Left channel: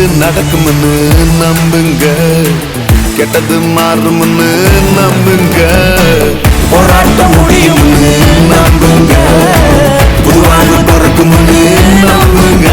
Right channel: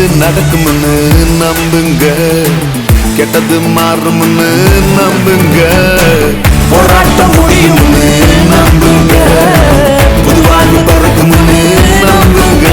நல்லது நடக்கும்னு நம்புங்க, கெட்டது மாறும்னு நம்புங்க, போராட்டம் முடியும்னு நம்புங்க, புது வாழ்வு பிறக்கும்னு நம்புங்க.